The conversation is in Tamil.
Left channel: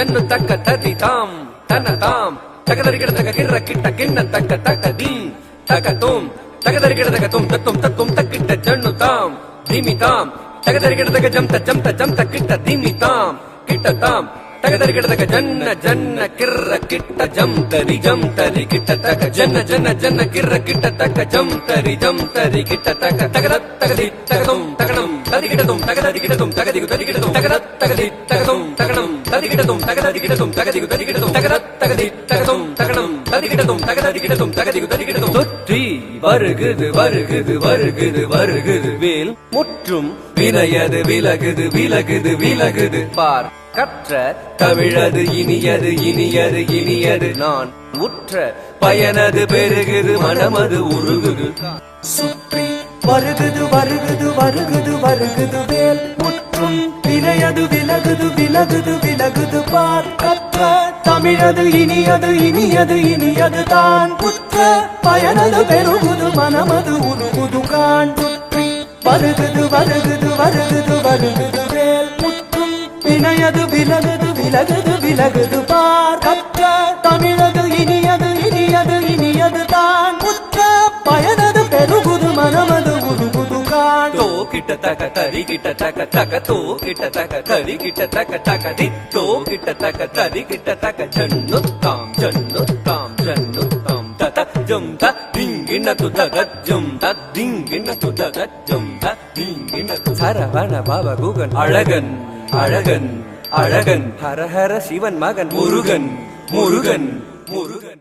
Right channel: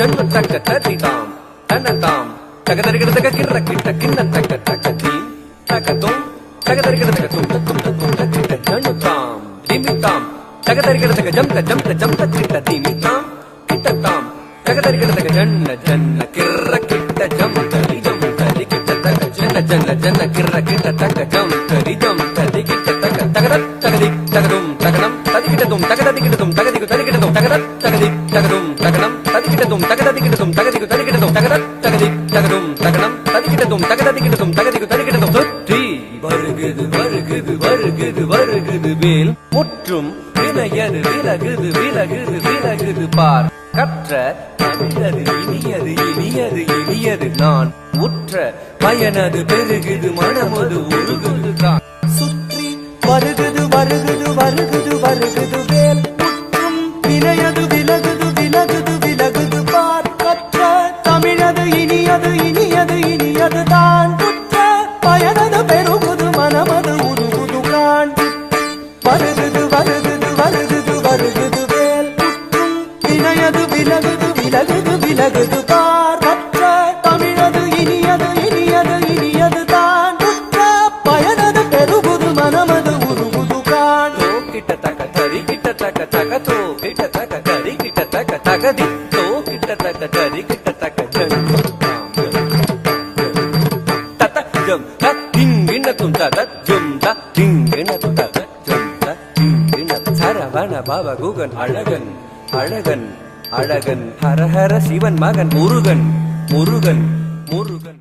ஜன்னு தக ததி தாம் தன தாம் தகதரிகிட தக கிர கிட்ட கிண்ண தக தக தி தக தோம் தகதரிகிட தக தும் தத்தும் தத்தும் தகிட்ட ஜன்னு தாம் திமி தாம் தகதரிகிட தக ஜம்த கிட்ட திமி தாம் கிட்ட தாம் தகதரிகிட தக ஜன்ன ஜன்ன கிர கிட்ட ஜம்தரி கிட்ட தக ஜன்ன கிர கிட்ட தக ஜம்தரி கிட்ட தக தகதத் தகதி தகும் தகனம் ததிகிடதும் தகதிகிடதும் தகதிகு ததிகிடதும் தகதத் தகதி தகும் தகனம் ததிகிடதும் தகதிகிடதும் தகதிகு ததிகிடதும் தகதத் தகதி தகும் தகனம் ததிகிடதும் தகதிகிடதும் தகதிகு ததிகிடதும் தொற்றி வருகுது வருகுது வருகுது வருகுது வேல் முற்றும் வினையது விலகுது விலகுது விலகுது பார் கற்ற தமிழது இனியது இனியது இனியது நான் உற்ற பயனது பெருகுது மனமது உருகுது தான் சுற்றி வருகுது வருகுது வருகுது வருகுது வேல் முற்றும் வினையது விலகுது விலகுது விலகுது பார் கற்ற தமிழது இனியது இனியது இனியது தான் உற்ற பயனது பெருகுது மனமது உருகுது கான் சுற்றி வருகுது வருகுது வருகுது வருகுது வேல் முற்றும் வினையது விலகுது விலகுது விலகுது பார் கற்ற தமிழது இனியது இனியது இனியது தான் உற்ற பயனது பெருகுது மனமது உருகுது கான் தோ கிட்ட தக தரி கிட்ட தக தக தோ கிட்ட தக தரி கிட்ட தக தக தி தோ கிட்ட தக தரி கிட்ட தக ஜன்னு தாம் தத ஜம் தத்திங்கின துதக ஜம் தத்திங்கின துதக ஜம் தத்திங்கின சரவண பாபா குகன் அழகன் அழகன் அழகன் ஹர ஹர சிவன் மகன் முருகன் முருகன் முருகன்